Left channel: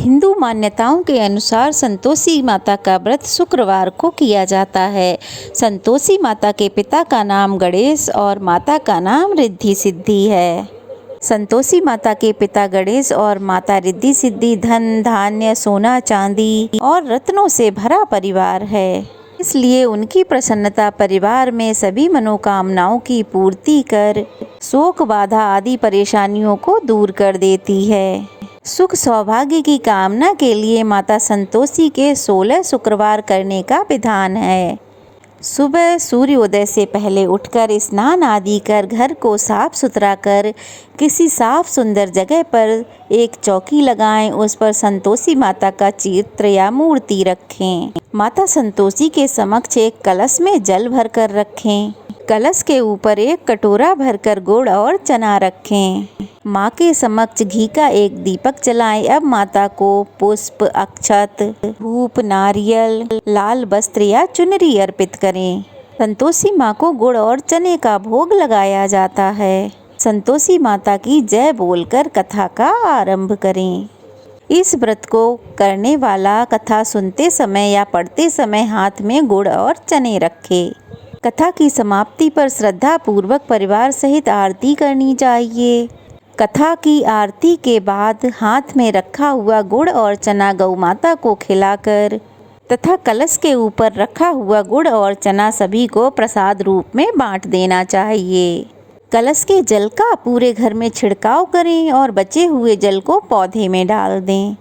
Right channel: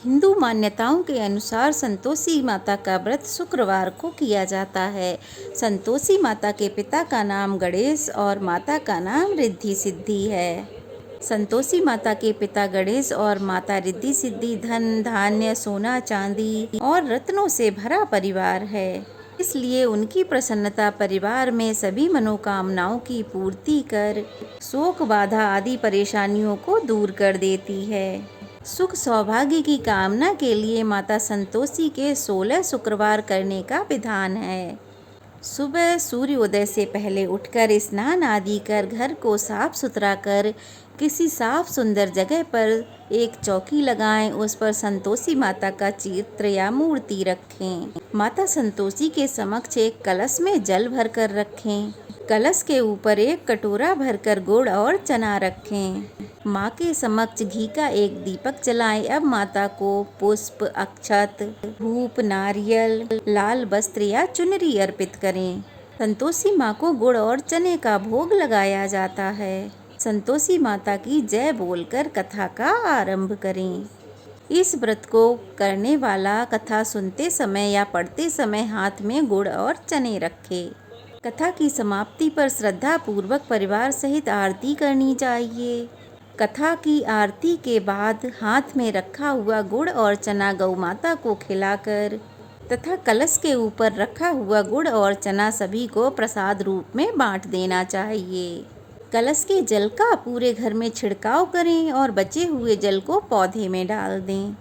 हिंदू मान्यताओं के अनुसार संतोषी माता का व्रत शुक्रवार को किया जाता है। संतोषी माता के पिता का नाम गणेश और माता का नाम रिद्धि सिद्धि है। संतोषी माता के पिता गणेश और माता रिद्धि सिद्धि धन धान्य सोना चांदी और रत्नों से भरा परिवार है। इसलिए उनकी प्रसन्नता परिवार में सभी मनोकामनाओं की पूर्ति कर शोक बाधा आदि परेशानियों को दूर कर देती है। सुख सौभाग्य की कामना के लिए माता संतोषी के 16 शुक्रवार करने का विधान है। सुबह सूर्योदय से पहले उठकर स्नान आदि कर घर को साफ सुथरा कर किसी साफ सुंदर जगह पर एक चौकी लगाएं, उस पर संतोषी माता का चित्र या मूर्ति रखें। माता संतोषी के समक्ष एक कलश में जल भरकर रखें। कलश के ऊपर एक कटोरा भरकर गुड़ और चना रखें। माँ के समक्ष घी का एक दीपक जलाएं। अब माता को पुष्प अक्षत धूप नारियल लाल वस्त्र या चुनरी अर्पित करें। संतोषी माँ को गुड़ और चने का भोग लगाया जाता है। संतोषी माता की जय बोलकर कथा का आरंभ करें। इस व्रत को करने वाला कथा सुनते समय या पढ़ते समय हाथ में गुड़ और चने रखे। कथा की समाप्ति पर श्रद्धा पूर्वक परिवार सहित आरती करनी चाहिए। कथा की आरती के बाद हाथ में रखा हुआ गुड़ और चना गौ माता को खिलाकर तथा कलश के ऊपर रखा हुआ गुड़ और चना सभी को प्रसाद रूप में बांट देना चाहिए। कलश के जल का पूरे घर में छिड़काव करें और बचे हुए जल को पौधे में डाल दें।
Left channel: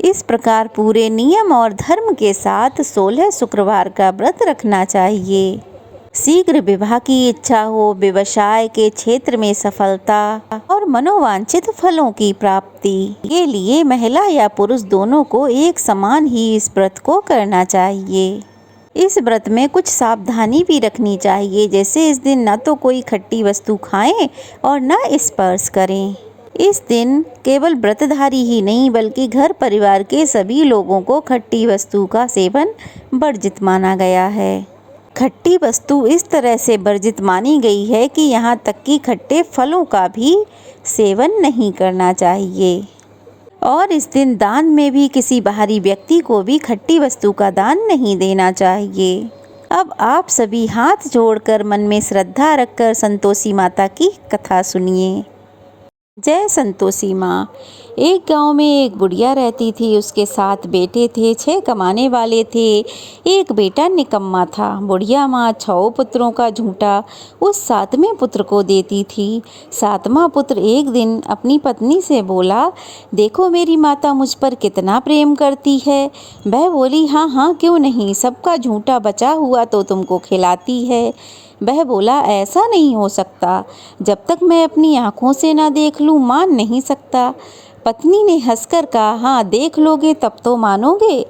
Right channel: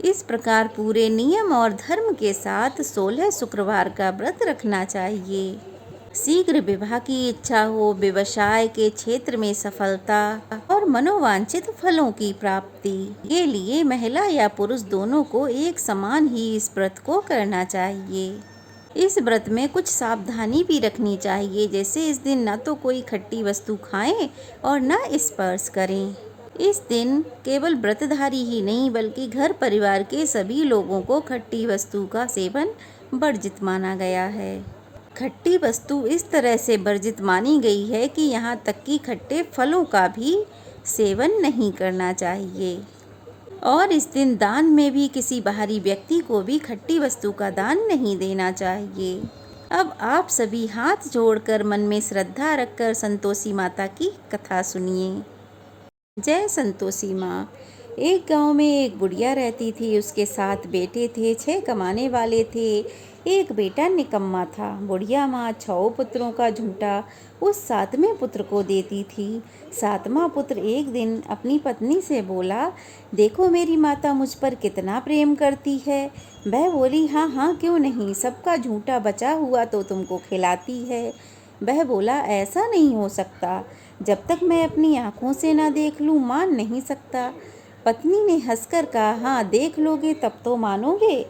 इस प्रकार पूरे नियम और धर्म के साथ 16 शुक्रवार का व्रत रखना चाहिए। शीघ्र विवाह की इच्छा हो, व्यवसाय के क्षेत्र में सफलता और मनोवांछित फलों की प्राप्ति के लिए महिला या पुरुष दोनों को एक समान ही इस व्रत को करना चाहिए। इस व्रत में कुछ सावधानी भी रखनी चाहिए, जैसे इस दिन न तो कोई खट्टी वस्तु खाएं और न स्पर्श करें। इस दिन केवल व्रतधारी ही नहीं बल्कि घर परिवार के सभी लोगों को खट्टी वस्तु का सेवन वर्जित माना गया है। खट्टी वस्तु इस तरह से वर्जित मानी गई है कि यहाँ तक कि खट्टे फलों का भी सेवन नहीं करना चाहिए। और इस दिन दान में भी किसी बाहरी व्यक्ति को भी खट्टी वस्तु का दान नहीं देना चाहिए। अब आप सभी हाथ जोड़कर मन में श्रद्धा रखकर संतोषी माता की कथा सुनिए। जय संतोषी माँ। एक गांव में एक बुढ़िया रहती थी। उसके 7 बेटे थे, 6 कमाने वाले थे, एक बेटा निकम्मा था। बुढ़िया माँ 6 पुत्रों का झूठा उस 7वें पुत्र को देती थी। 7वां पुत्र एक दिन अपनी पत्नी से बोला, देखो मेरी माता मुझ पर कितना प्रेम करती है। वह बोली, हाँ हाँ क्यों नहीं, सबका झूठा बचा हुआ तो तुमको खिलाती है। वह बोला, ऐसा नहीं हो सकता, जब तक मैं अपनी आँखों से ना देख लूँ मान नहीं सकता। पत्नी ने हंसकर कहा, हाँ देख लोगे तब तो मानोगे।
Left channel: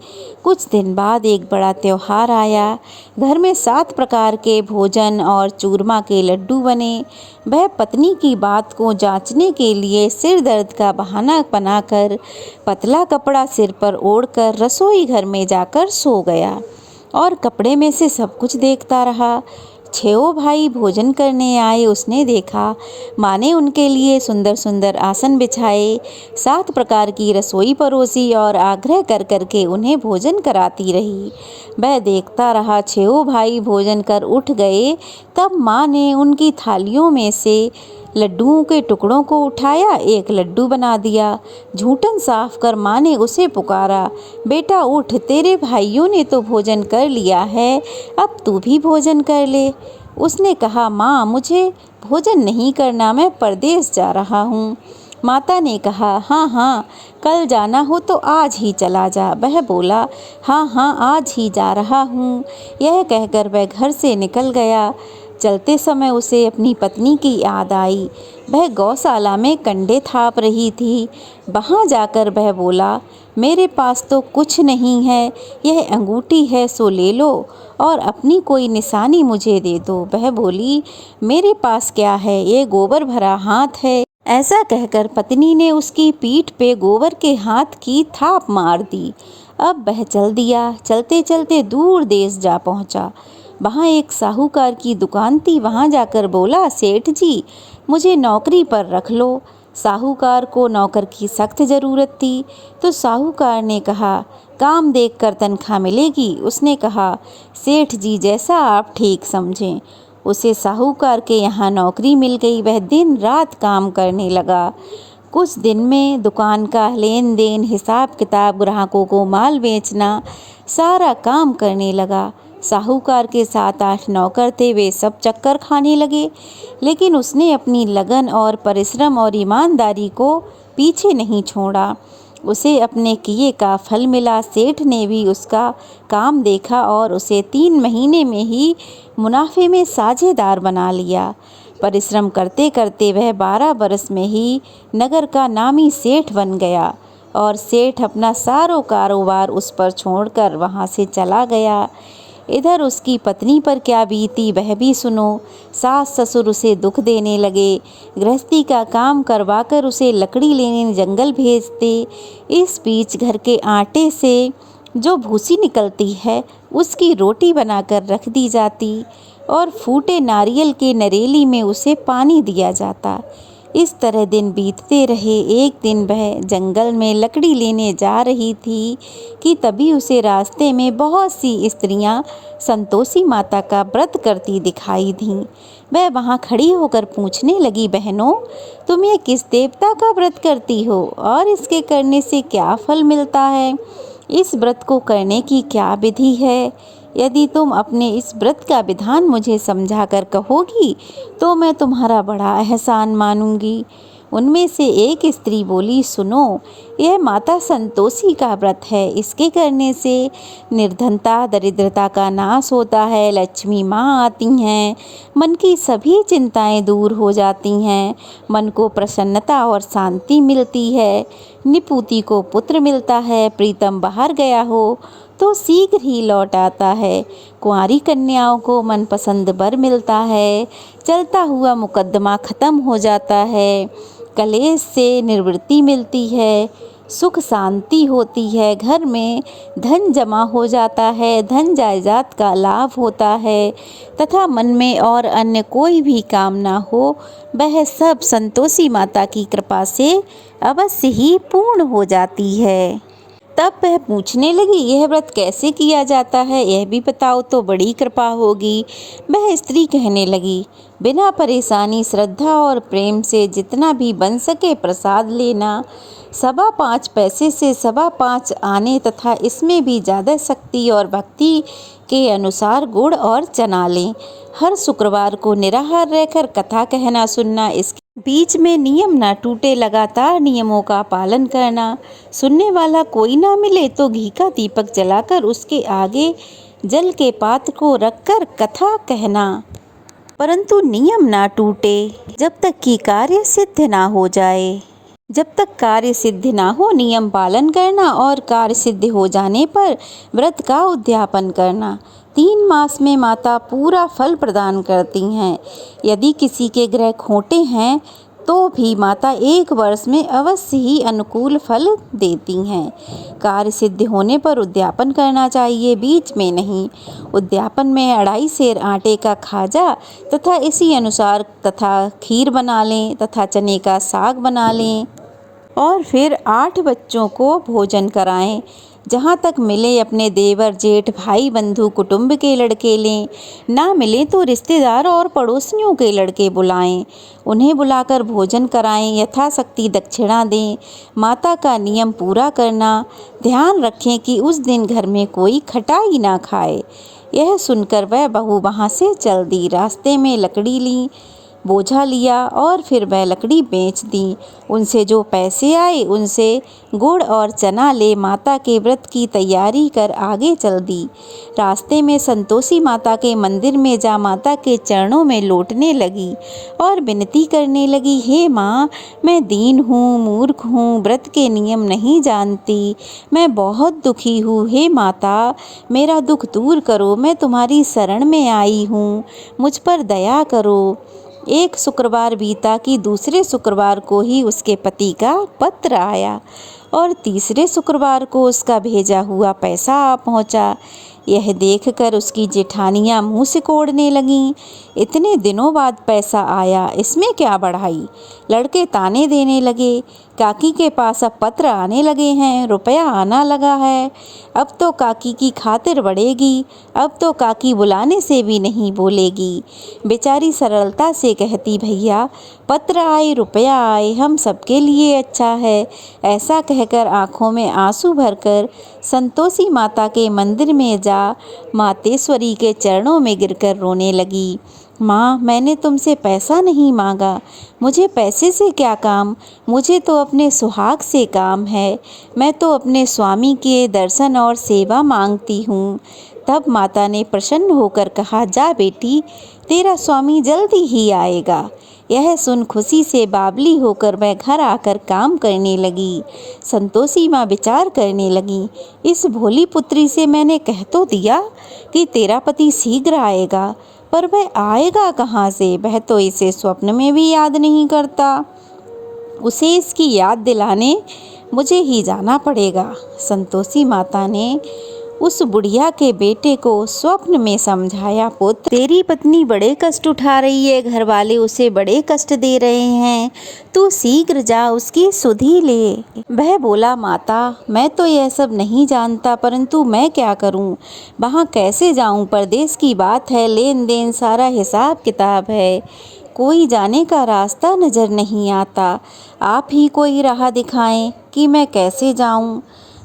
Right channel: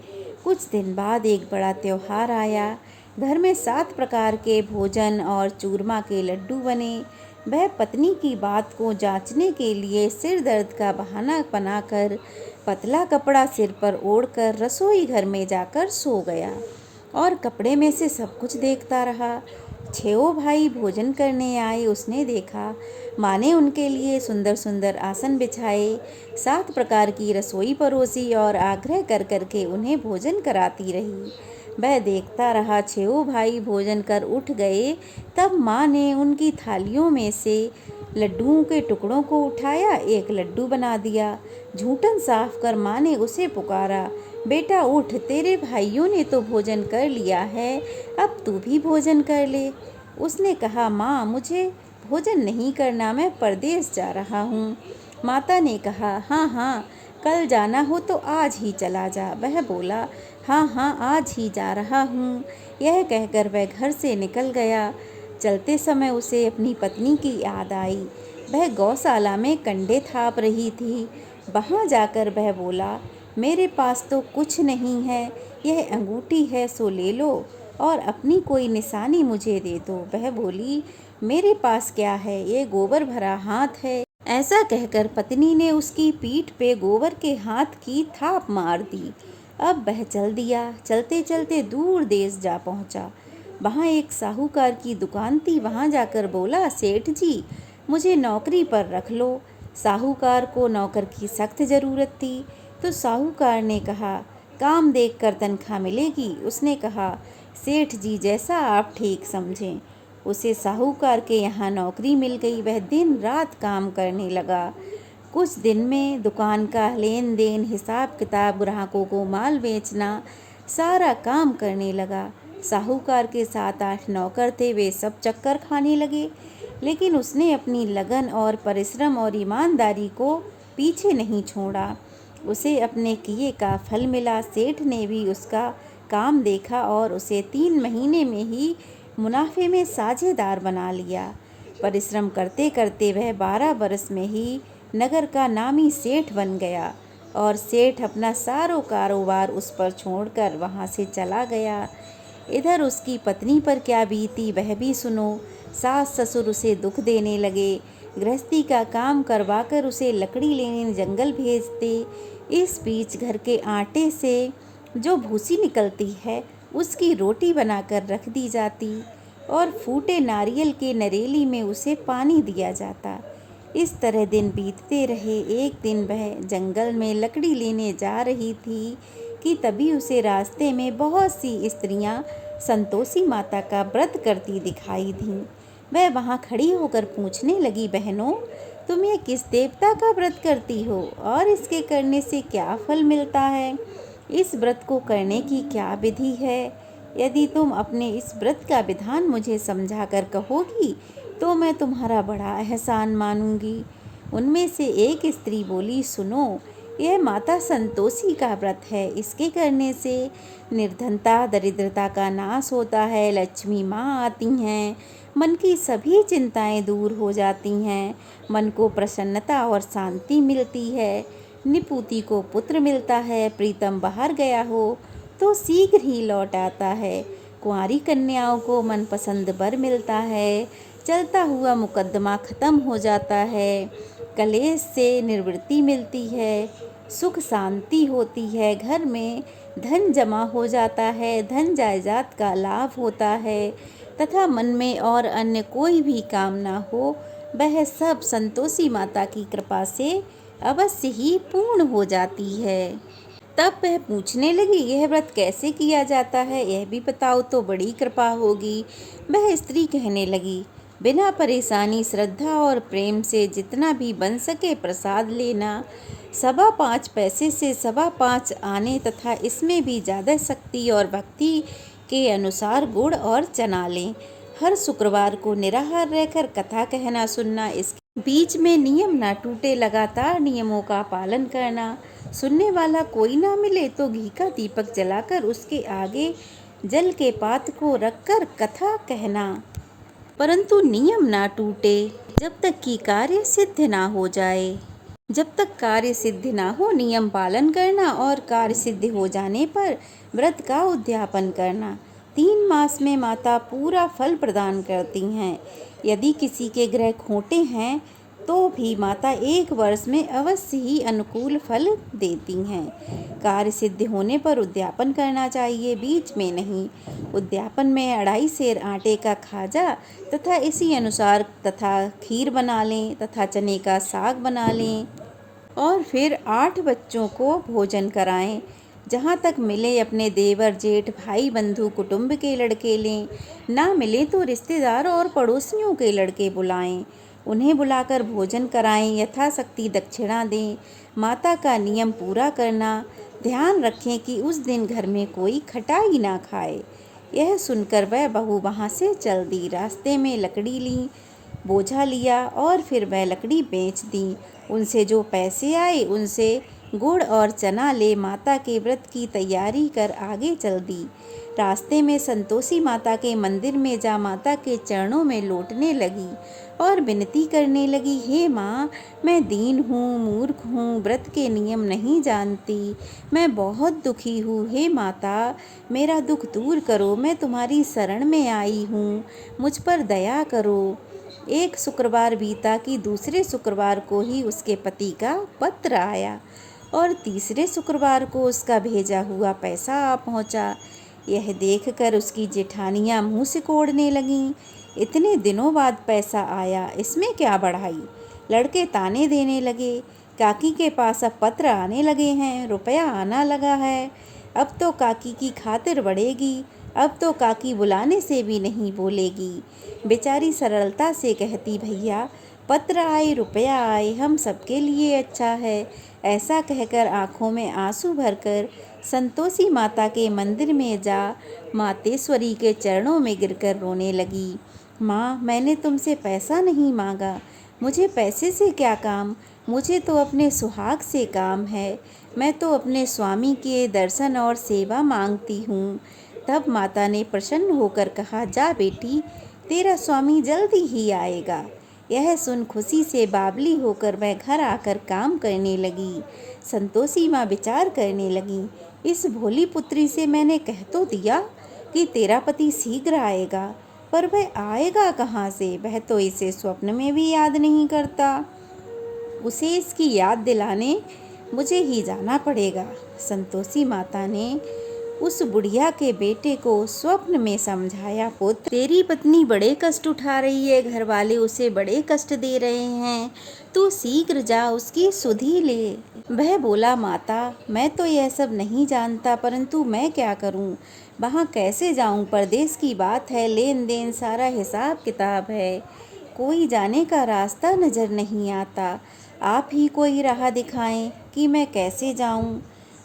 कुछ दिन बाद एक बड़ा त्योहार आया। घर में 7 प्रकार के भोजन और चूरमा के लड्डू बने। वह पत्नी की बात को जांचने के लिए सिर दर्द का बहाना बनाकर पतला कपड़ा सिर पर ओढ़कर रसोई घर में जाकर सो गया और कपड़े में से सब कुछ देखता रहा। 6 भाई भोजन करने आए। उसने देखा माँ ने उनके लिए सुंदर सुंदर आसन बिछाए, 7 प्रकार की रसोई परोसी और आग्रह कर करके उन्हें भोजन कराती रही। वह देखता रहा। 6 भाई भोजन कर उठ गए। तब माँ ने उनकी थालियों में से लड्डुओं के टुकड़ों को उठाया, एक लड्डू बना दिया। झूठन साफ कर माँ ने उसे पुकारा, बेटा उठ, तेरे भाइयों ने तो भोजन कर लिया है, अब तू भी भोजन कर ले। उसने कहा, माँ मुझे भोजन नहीं करना, मैं परदेश जा रहा हूँ। माता ने कहा, हाँ हाँ कल जाना हो तो आज ही चला जा। वह बोला, हाँ हाँ आज ही जा रहा हूँ। यह कहकर वह घर से निकल गया। चलते समय उसे अपनी पत्नी की याद आई। वह गौशाला में कंडे थाप रही थी। वहाँ जाकर वह बोला, मेरे पास तो कुछ नहीं है, यह अंगूठी है सो ले लो और अपनी कोई निशानी मुझे दे दो। वह बोली, मेरे पास क्या है, ये गोबर भरा हाथ है। ऐसा कहकर पत्नी ने उसकी पीठ पे गोबर के हाथ की थाप मार दी। अब वह चल दिया। चलते चलते दूर देश जा पहुँचा। वहाँ एक साहूकार की दुकान थी। वहाँ जाकर बोला, सेठ जी मुझे नौकरी पर रख लो। साहूकार को नौकर की सख्त ज़रूरत थी, तो साहूकार ने कहा, काम देखकर तनख्वाह मिलेगी। उसने कहा, सेठ जी जैसा आप ठीक समझें। उसे साहूकार के यहाँ नौकरी मिल गई। वह दिन रात काम करने लगा। कुछ दिन में दुकान का लेन देन, हिसाब किताब, ग्राहकों को माल बेचना, सारा काम करने लगा। साहूकार के 7-8 नौकर थे, वे सब चक्कर खाने लगे, लेकिन उसने अपनी लगन और परिश्रम और ईमानदारी को पीछे नहीं छोड़ा। उसे अपने किए का फल मिला। सेठ ने भी उसका काम देखा और उसे 3 महीने में ही मुनाफे में साझेदार बना लिया। परिश्रम करते करते वह 12 बरस में ही नगर का नामी सेठ बन गया और सेठ अपना सारो कारोबार उस पर छोड़कर वहाँ से चला गया। इधर उसकी पत्नी पर क्या बीती वह भी सुनो। सास ससुर उसे दुख देने लगे, गृहस्थी का काम करवाकर उसे लकड़ी लेने जंगल भेजते। इस बीच घर के आटे से जो भूसी निकलती है उसकी रोटी बनाकर रख दी जाती और फूटे नारियल के नरेली में उसे पानी दिया जाता। इस तरह दिन बीतते रहे। एक दिन वह जंगल में लकड़ी लेने जा रही थी कि तभी उसे रास्ते में बहुत सी स्त्रियां संतोषी माता का व्रत करती दिखाई दीं। वह वहां खड़ी होकर पूछने लगी, बहनों, तुम ये किस देवता का व्रत करती हो और इसके करने से क्या फल मिलता है? इस व्रत को करने की क्या विधि है? यदि तुम अपने इस व्रत का विधान मुझे समझा कर कहोगी तो मैं तुम्हारा बड़ा एहसान मानूंगी। उनमें से एक स्त्री बोली, सुनो, यह माता संतोषी का व्रत है। इसके करने से निर्धनता, दरिद्रता का नाश होता है, लक्ष्मी माँ आती हैं, मन की सभी चिंताएं दूर हो जाती हैं, मन को प्रसन्नता और शांति मिलती है, निपुति को पुत्र मिलता है, प्रीतम बाहर गया हो तो शीघ्र ही लौट आता है, कुंवारी कन्याओं को मनपसंद वर मिलता है, चलता हुआ मुकद्दमा खत्म हो जाता है, कलेश से निवृत्ति मिलती है, सुख शांति होती है, घर में धन जमा हो जाता है, धन जायदाद का लाभ होता है तथा मन में और अन्य कोई भी कामना हो वह सब संतोषी माता की कृपा से अवश्य ही पूर्ण हो जाती है। तब वह पूछने लगी, यह व्रत कैसे किया जाता है, यह भी बताओ तो बड़ी कृपा होगी। वह स्त्री कहने लगी, बिना परेशानी, श्रद्धा और प्रेम से जितना भी बन सके प्रसाद लेना, 5.25 पैसे से 5.25 आने तथा इसमें भी ज़्यादा शक्ति और भक्ति के अनुसार गुड़ और चना लें। हर शुक्रवार को निराहार रहकर कथा कहना सुनना, इसके बीच में नियम ना टूटे, लगातार नियमों का पालन करना। सुनने वाला कोई ना मिले तो घी का दीपक जलाकर उसके आगे जल के पात्र को रखकर कथा कहना, परंतु नियम ना टूटे जब तक कि कार्य सिद्ध ना हो जाए। जब तक कार्य सिद्ध ना हो नियम पालन करना और कार्य सिद्ध हो जाने पर व्रत का उद्यापन करना। 3 मास में माता पूरा फल प्रदान करती हैं। यदि किसी के ग्रह खोटे हैं तो भी माता 1 वर्ष में अवश्य ही अनुकूल फल देती हैं। कार्य सिद्ध होने पर उद्यापन करना चाहिए, बीच में नहीं। उद्यापन में 2.5 सेर आटे का खाजा तथा इसी अनुसार तथा खीर बना लें तथा चने का साग बना लें और फिर 8 बच्चों को भोजन कराएं। जहाँ तक मिले अपने देवर, जेठ, भाई, बंधु, कुटुंब के लड़के लें, ना मिले तो रिश्तेदार और पड़ोसियों के लड़के बुलाएं। उन्हें बुलाकर भोजन कराएं, यथाशक्ति दक्षिणा दें। माता का नियम पूरा करना, ध्यान रखें कि उस दिन घर में कोई खटाई ना खाए। यह सुनकर वह बहू वहाँ से चल दी। रास्ते में लकड़ी ली, बोझा लिया और फिर वह लकड़ी बेच दी। उनसे जो पैसे आए उनसे गुड़ और चना ले माता के व्रत की तैयारी कर आगे चल दी। रास्ते में संतोषी माता के मंदिर में जा माता के चरणों में लौटने लगी और विनती करने लगी, हे माँ, मैं दीन हूँ, मूर्ख हूँ, व्रत के नियम नहीं जानती, मैं बहुत दुखी हूँ। हे माता, मेरा दुख दूर करो, मैं तुम्हारी शरण में आई हूँ, मुझ पर दया करो। एक शुक्रवार बीता कि दूसरे शुक्रवार को ही उसके पति का पत्र आया और तीसरे शुक्रवार को उसका भेजा हुआ पैसा आ पहुँचा। यह देखकर उसकी जेठानियाँ मुँह सिकोड़ने लगीं। इतने दिनों बाद पैसा आया, इसमें क्या बढ़ाई? लड़के ताने देने लगे, काकी के पास अब पत्र आने लगे हैं, रुपया आना लगा है, अब तो काकी की खातिर बढ़ेगी, अब तो काकी बुलाने से भी नहीं बोलेगी। बेचारी सरलता से कहती, भैया पत्र आए रुपया आए हम सबके लिए अच्छा है। ऐसा कहकर आँखों में आंसू भरकर संतोषी माता के मंदिर में जा मातेश्वरी के चरणों में गिरकर रोने लगी। माँ, मैंने तुमसे पैसा नहीं मांगा, मुझे पैसे से क्या काम, मुझे तो अपने सुहाग से काम है। मैं तो अपने स्वामी के दर्शन और सेवा मांगती हूँ। तब माता ने प्रसन्न होकर कहा, जा बेटी, तेरा स्वामी जल्दी ही आएगा। यह सुन खुशी से बावली होकर मैं घर आकर काम करने लगी। संतोषी माँ विचार करने लगी, इस भोली पुत्री से मैंने कह तो दिया कि तेरा पति शीघ्र आएगा, पर वह आएगा कहाँ से? वह तो इसे स्वप्न में भी याद नहीं करता। उसे इसकी याद दिलाने मुझे ही जाना पड़ेगा। संतोषी माता ने उस बुढ़िया के बेटे को स्वप्न में समझाया, पुत्र, तेरी पत्नी बड़े कष्ट उठा रही है, घर वाले उसे बड़े कष्ट दे रहे हैं, तू शीघ्र जा उसकी सुधि ले। वह बोला, माता मैं तो यह सब नहीं जानता, परंतु मैं क्या करूं? वहां कैसे जाऊं? परदेश की बात है, लेन देन सारा हिसाब किताब है, कोई जाने का रास्ता नजर नहीं आता। आप ही कोई राह दिखाएं कि मैं कैसे जाऊं।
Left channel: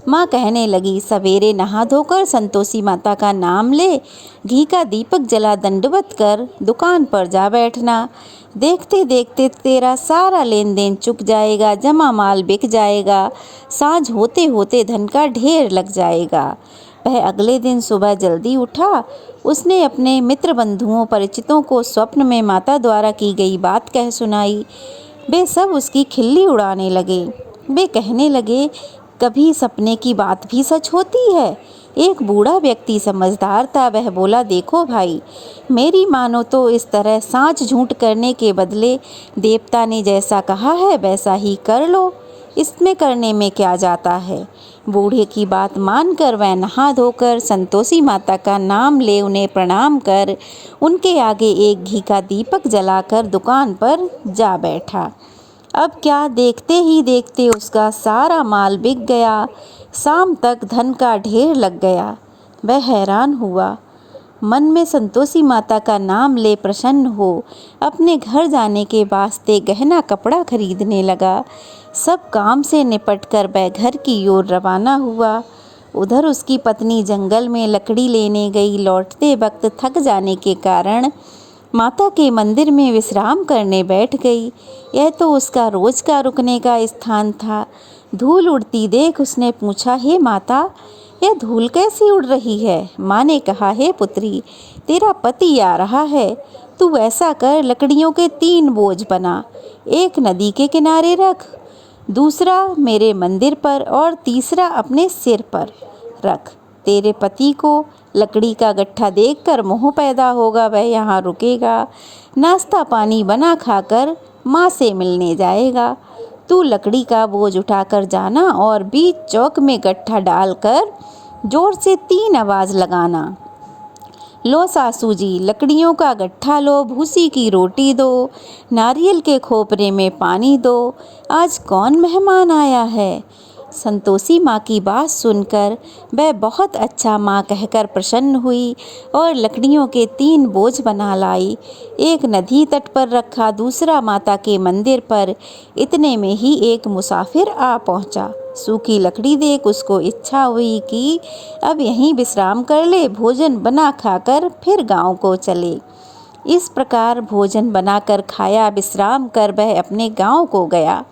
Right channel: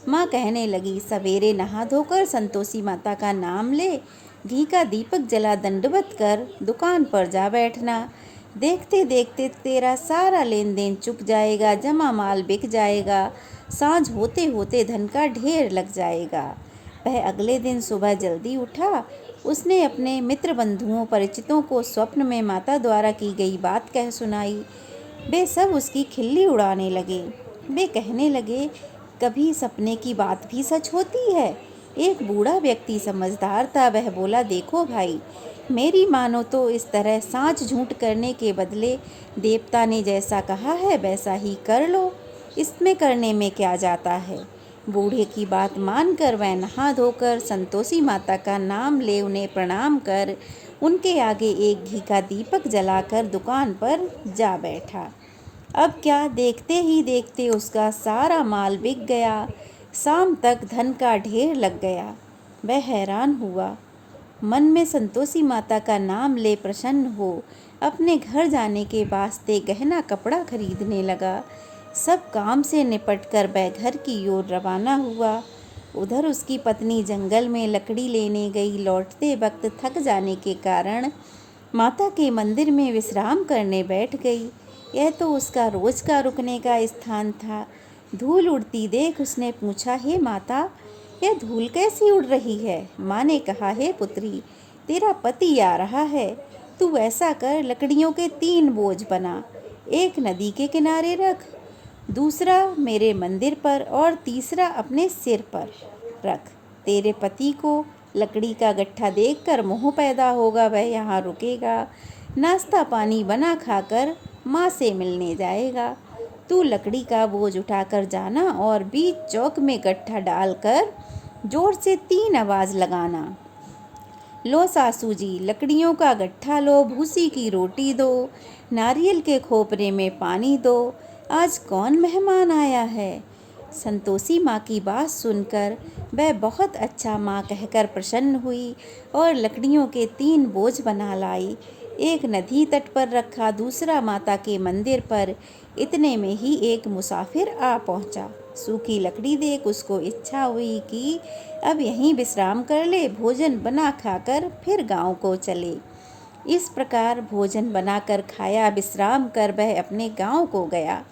माँ कहने लगी, सवेरे नहा धोकर संतोषी माता का नाम ले, घी का दीपक जला दंडवत कर दुकान पर जा बैठना। देखते देखते तेरा सारा लेन देन चुक जाएगा, जमा माल बिक जाएगा, सांझ होते होते धन का ढेर लग जाएगा। वह अगले दिन सुबह जल्दी उठा। उसने अपने मित्र बंधुओं परिचितों को स्वप्न में माता द्वारा की गई बात कह सुनाई। वे सब उसकी खिल्ली उड़ाने लगे। वे कहने लगे, कभी सपने की बात भी सच होती है। एक बूढ़ा व्यक्ति समझदार था, वह बोला, देखो भाई, मेरी मानो तो इस तरह सांच झूठ करने के बदले देवता ने जैसा कहा है वैसा ही कर लो, इसमें करने में क्या जाता है। बूढ़े की बात मानकर वह नहा धोकर संतोषी माता का नाम ले उन्हें प्रणाम कर उनके आगे एक घी का दीपक जलाकर दुकान पर जा बैठा। अब क्या, देखते ही देखते उसका सारा माल बिक गया। शाम तक धन का ढेर लग गया। वह हैरान हुआ, मन में संतोषी माता का नाम ले प्रसन्न हो अपने घर जाने के वास्ते गहना कपड़ा खरीदने लगा। सब काम से निपटकर वह घर की ओर रवाना हुआ। उधर उसकी पत्नी जंगल में लकड़ी लेने गई। लौटते वक्त थक जाने के कारण माता के मंदिर में विश्राम करने बैठ गई। यह तो उसका रोज का रुकने का स्थान था। धूल उड़ती देख उसने पूछा, हे माता, यह धूल कैसी उड़ रही है? माँ ने कहा, हे पुत्री, तेरा पति आ रहा है, तू ऐसा कर, लकड़ियों के 3 बोझ बना, एक नदी के किनारे रख, दूसरा मेरे मंदिर पर और तीसरा अपने सिर पर रख। तेरे पति को लकड़ी का गट्ठा देखकर मोह पैदा होगा, वह यहाँ रुकेगा, नाश्ता पानी बना खाकर माँ से मिलने जाएगा। तू लकड़ी का बोझ उठाकर जाना और बीच चौक में गट्ठा डालकर जोर से 3 आवाज़ लगाना। लो सासू जी, लकड़ियों का गट्ठा लो, भूसी की रोटी दो, नारियल के खोपरे में पानी दो, आज कौन मेहमान आया है। संतोषी माँ की बात सुनकर वह बहुत अच्छा माँ कहकर प्रसन्न हुई और लकड़ियों के 3 बोझ बना लाई। एक नदी तट पर रखा, दूसरा माता के मंदिर पर। इतने में ही एक मुसाफिर आ पहुँचा। सूखी लकड़ी देख उसको इच्छा हुई कि अब यहीं विश्राम कर ले, भोजन बना खाकर फिर गांव को चले। इस प्रकार भोजन बनाकर खाया, विश्राम कर वह अपने गांव को गया।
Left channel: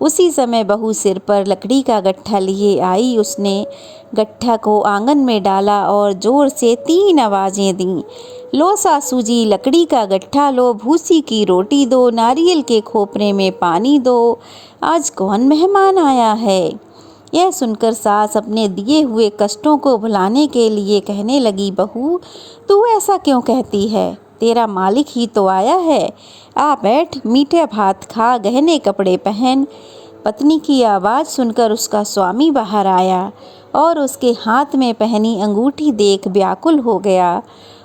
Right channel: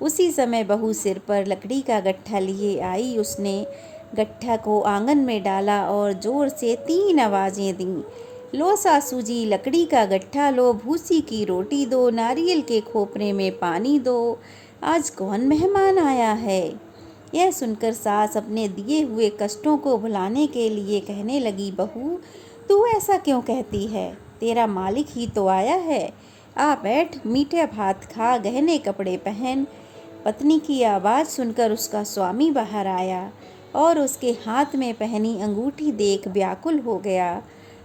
उसी समय बहू सिर पर लकड़ी का गट्ठा लिए आई। उसने गट्ठा को आंगन में डाला और जोर से 3 आवाज़ें दीं। लो सासू जी, लकड़ी का गट्ठा लो, भूसी की रोटी दो, नारियल के खोपरे में पानी दो, आज कौन मेहमान आया है। यह सुनकर सास अपने दिए हुए कष्टों को भुलाने के लिए कहने लगी, बहू, तू ऐसा क्यों कहती है? तेरा मालिक ही तो आया है। आ बैठ, मीठे भात खा, गहने कपड़े पहन। पत्नी की आवाज़ सुनकर उसका स्वामी बाहर आया और उसके हाथ में पहनी अंगूठी देख व्याकुल हो गया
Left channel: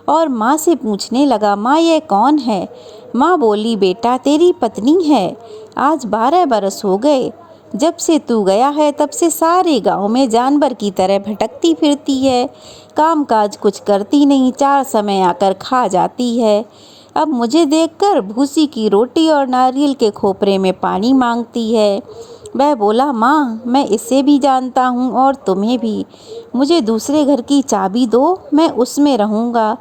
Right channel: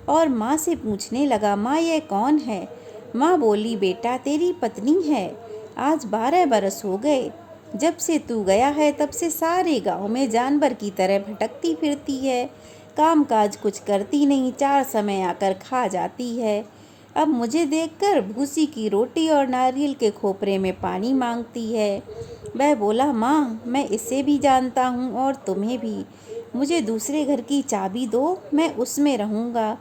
और माँ से पूछने लगा, माँ, यह कौन है? माँ बोली, बेटा, तेरी पत्नी है, आज 12 बरस हो गए। जब से तू गया है तब से सारे गांव में जानवर की तरह भटकती फिरती है। काम काज कुछ करती नहीं, 4 समय आकर खा जाती है। अब मुझे देखकर भूसी की रोटी और नारियल के खोपरे में पानी मांगती है। वह बोला, माँ मैं इसे भी जानता हूँ और तुम्हें भी। मुझे दूसरे घर की चाबी दो, मैं उसमें रहूँगा।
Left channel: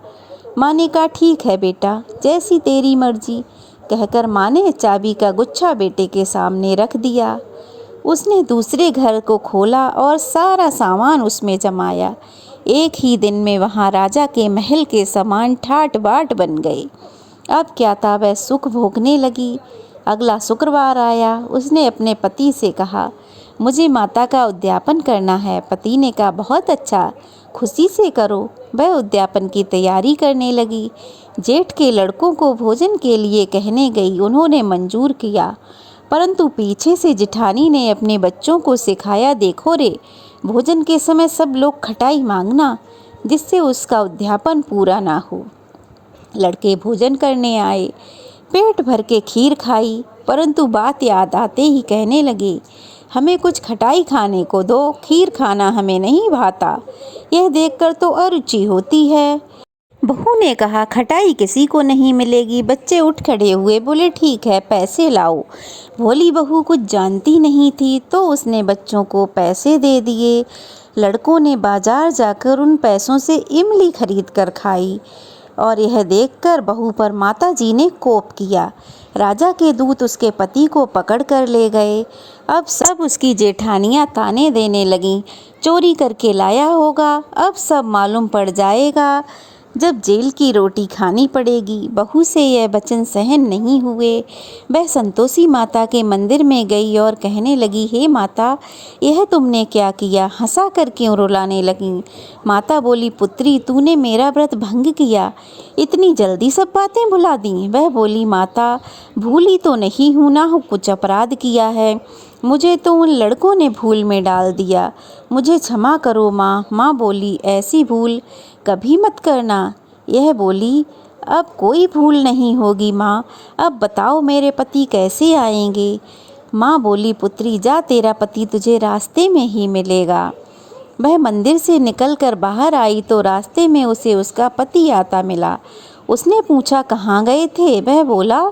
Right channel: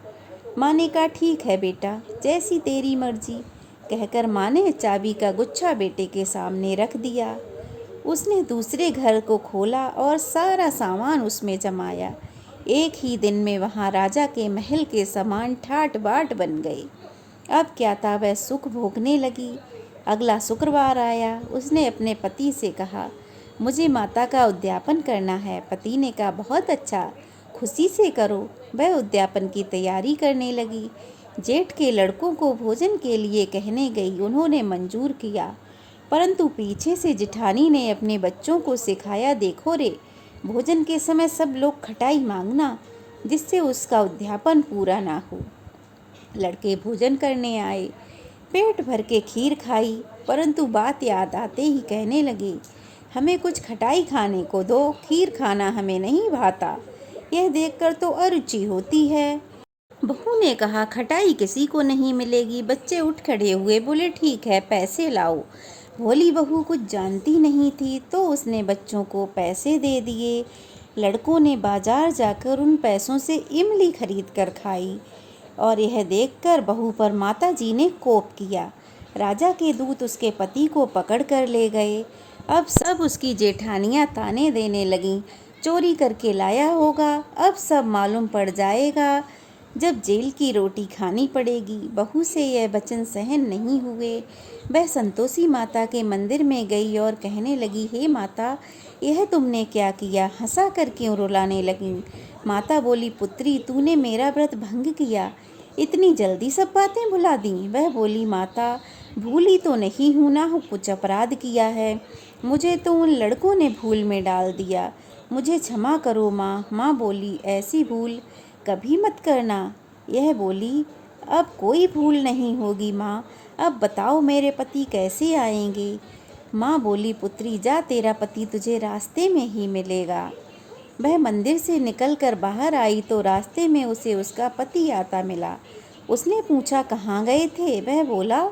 माँ ने कहा, ठीक है बेटा, जैसी तेरी मर्जी। कहकर माँ ने चाबी का गुच्छा बेटे के सामने रख दिया। उसने दूसरे घर को खोला और सारा सामान उसमें जमाया। एक ही दिन में वहाँ राजा के महल के सामान ठाट बाट बन गए। अब क्या था, वह सुख भोगने लगी। अगला शुक्रवार आया। उसने अपने पति से कहा, मुझे माता का उद्यापन करना है। पति ने कहा, बहुत अच्छा, खुशी से करो। वह उद्यापन की तैयारी करने लगी। जेठ के लड़कों को भोजन के लिए कहने गई। उन्होंने मंजूर किया, परंतु पीछे से जिठानी ने अपने बच्चों को सिखाया, देखो रे, भोजन के समय सब लोग खटाई मांगना, जिससे उसका उद्यापन पूरा ना हो। लड़के भोजन करने आए, पेट भर के खीर खाई, परंतु बात याद आते ही कहने लगे, हमें कुछ खटाई खाने को दो, खीर खाना हमें नहीं भाता। यह देखकर तो अरुचि होती है। बहू ने कहा, खटाई किसी को नहीं मिलेगी। बच्चे उठ खड़े हुए, बोले, ठीक है, पैसे लाओ। भोली बहू कुछ जानती नहीं थी, तो उसने बच्चों को पैसे दे दिए। लड़कों ने बाजार जाकर उन पैसों से इमली खरीद कर खाई और यह देखकर बहू पर माताजी ने कोप किया। राजा के दूत उसके पति को पकड़ कर ले गए। अब सब उसकी जेठानियां ताने देने लगीं, चोरी करके लाया होगा, अब सब मालूम पड़ जाएगा, जब जेल की रोटी खानी पड़ेगी। बहू से यह वचन सहन नहीं हुए। वह संतोषी माता के मंदिर में गई और कहने लगी, हे माता, यह तुमने क्या किया? हंसा कर क्यों रुलाने लगी? माता बोली, पुत्री, तूने मेरा व्रत भंग किया, इतनी जल्दी सब बातें भुला दी। वह बोली, माता, भूली तो नहीं हूँ ना, कुछ अपराध किया है, मुझे तो उन लड़कों ने भूल में डाल दिया, मुझे क्षमा करो माँ। माँ बोली, ऐसी भूल कभी मत करना। यह बोली, अब कोई भूल नहीं होगी माँ, अब बताओ मेरे पति कैसे आएंगे? माँ बोली, पुत्री, जा, तेरा पति तुझे रास्ते में ही मिलेगा। वह मंदिर से निकलकर बाहर आई तो रास्ते में उसे उसका पति आता मिला। उसने पूछा, कहाँ गए थे? वह बोला,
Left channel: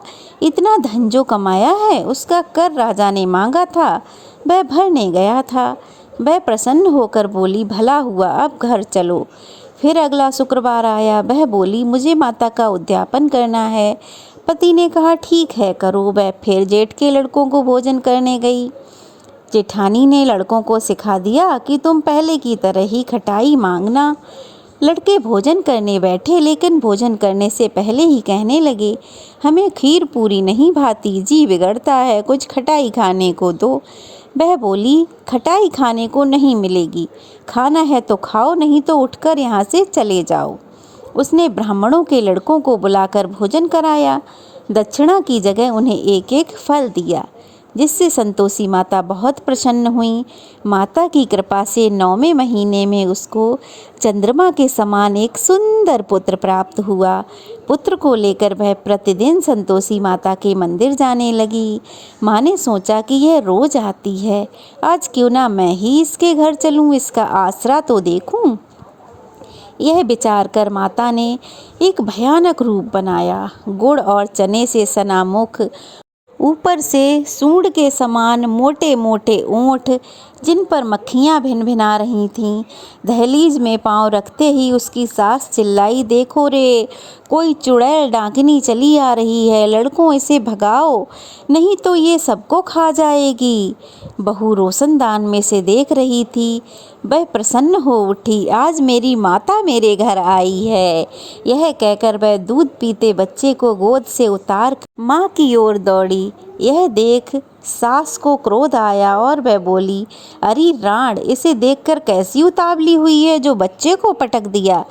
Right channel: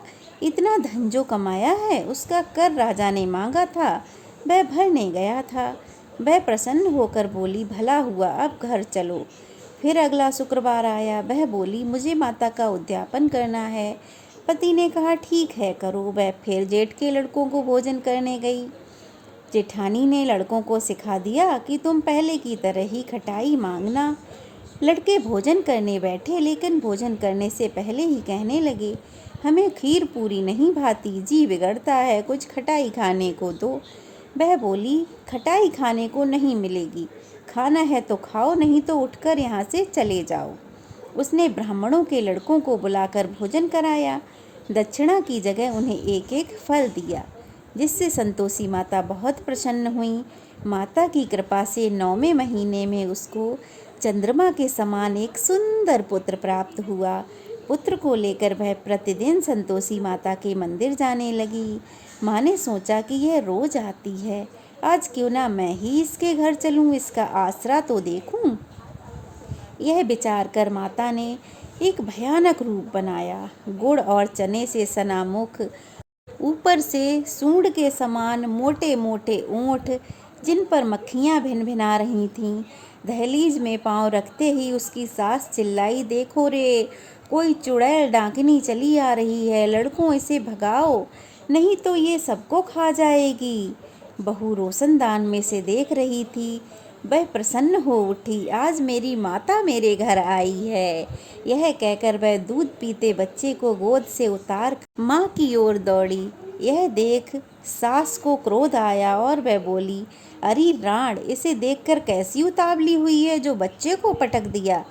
इतना धन जो कमाया है उसका कर राजा ने मांगा था, वह भरने गया था। वह प्रसन्न होकर बोली, भला हुआ, अब घर चलो। फिर अगला शुक्रवार आया। वह बोली, मुझे माता का उद्यापन करना है। पति ने कहा, ठीक है, करो। वह फिर जेठ के लड़कों को भोजन करने गई। जेठानी ने लड़कों को सिखा दिया कि तुम पहले की तरह ही खटाई मांगना। लड़के भोजन करने बैठे, लेकिन भोजन करने से पहले ही कहने लगे, हमें खीर पूरी नहीं भाती, जी बिगड़ता है, कुछ खटाई खाने को दो। वह बोली, खटाई खाने को नहीं मिलेगी, खाना है तो खाओ, नहीं तो उठकर यहाँ से चले जाओ। उसने ब्राह्मणों के लड़कों को बुलाकर भोजन कराया। दक्षिणा की जगह उन्हें एक एक फल दिया, जिससे संतोषी माता बहुत प्रसन्न हुई। माता की कृपा से 9वें महीने में उसको चंद्रमा के समान एक सुंदर पुत्र प्राप्त हुआ। पुत्र को लेकर वह प्रतिदिन संतोषी माता के मंदिर जाने लगी। माँ ने सोचा कि यह रोज आती है, आज क्यों ना मैं ही इसके घर चलूँ, इसका आसरा तो देखूँ। यह विचार कर माता ने एक भयानक रूप बनाया। गुड़ और चने से सना मुख, ऊपर से सूंड के समान मोटे मोटे ओंठ, जिन पर मक्खियाँ भिनभिना रही थीं। दहलीज में पांव रखते ही उसकी सास चिल्लाई, देखो रे, कोई चुड़ैल डाकिनी चली आ रही है, लड़कों इसे भगाओ, नहीं तो ये सबको खा जाएगी। बहू रोशनदान में से देख रही थी। वह प्रसन्न हो उठी, आज मेरी माता मेरे घर आई है। यह कहकर वह दूध पीते बच्चे को गोद से उतार माँ की ओर दौड़ी। यह देख सास को क्रोध आया और वह बोली, अरे राण, इसे देखकर कैसी उतावली हुई है जो बच्चे को पटक दिया।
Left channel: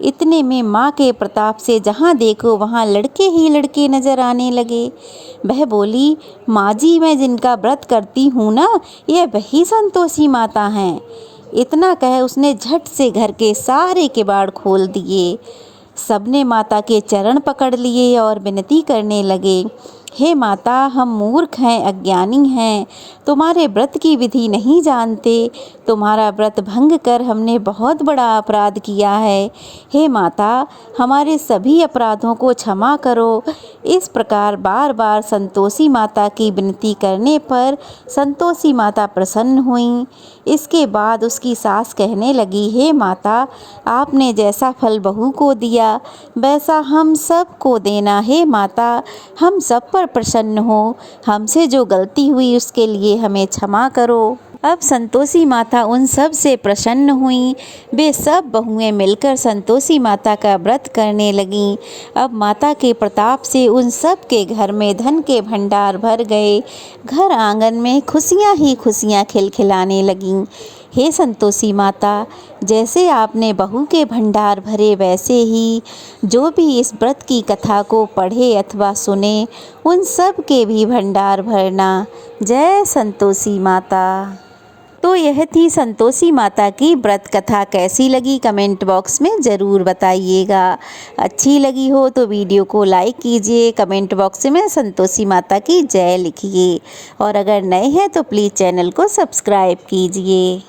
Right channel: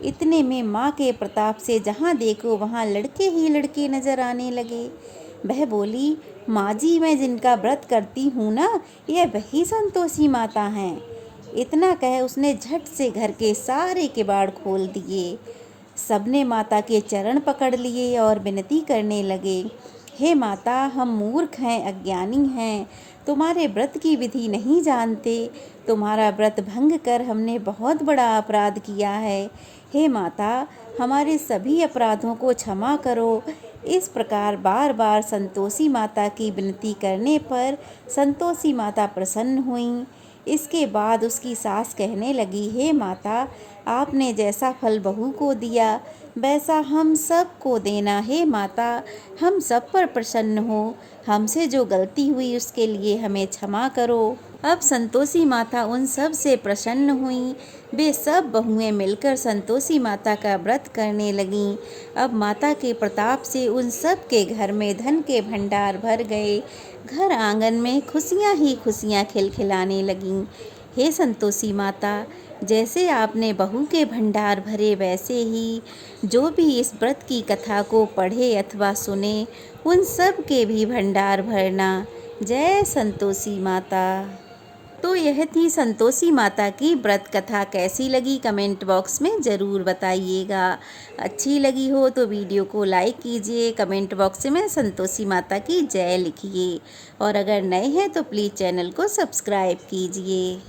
इतने में माँ के प्रताप से जहाँ देखो वहाँ लड़के ही लड़के नजर आने लगे। वह बोली, माँ जी, मैं जिनका व्रत करती हूँ ना, यह वही संतोषी माता हैं। इतना कह उसने झट से घर के सारे किवाड़ खोल दिए। सबने माता के चरण पकड़ लिए और विनती करने लगे, हे माता, हम मूर्ख हैं, अज्ञानी हैं, तुम्हारे व्रत की विधि नहीं जानते। तुम्हारा व्रत भंग कर हमने बहुत बड़ा अपराध किया है। हे माता, हमारे सभी अपराधों को क्षमा करो। इस प्रकार बार बार संतोषी माता की विनती करने पर संतोषी माता प्रसन्न हुईं। इसके बाद उसकी सास कहने लगी, हे माता, आपने जैसा फल बहू को दिया वैसा हम सब को देना। हे माता, हम सब पर प्रसन्न हो। हमसे जो गलती हुई उसके लिए हमें क्षमा करो। अब संतोषी माता उन सब से प्रसन्न हुईं। वे सब बहुएं मिलकर संतोषी माता का व्रत करने लगीं। अब माता के प्रताप से उन सब के घर में धन के भंडार भर गए। घर आंगन में खुशियां ही खुशियां खिलखिलाने लगीं। हे संतोषी माता, जैसे आपने बहू के भंडार भरे वैसे ही जो भी इस व्रत की कथा को पढ़े अथवा सुने उन सब के भी भंडार भरना। जय संतोषी माता। तो यह थी संतोषी माता की व्रत कथा। कैसी लगी कमेंट बॉक्स में ज़रूर बताइएगा। अच्छी लगी हो तो वीडियो को लाइक कीजिए, कमेंट बॉक्स में संतोषी माता की जय लिखिए और अगर नए हैं तो प्लीज़ चैनल को सब्सक्राइब कीजिए।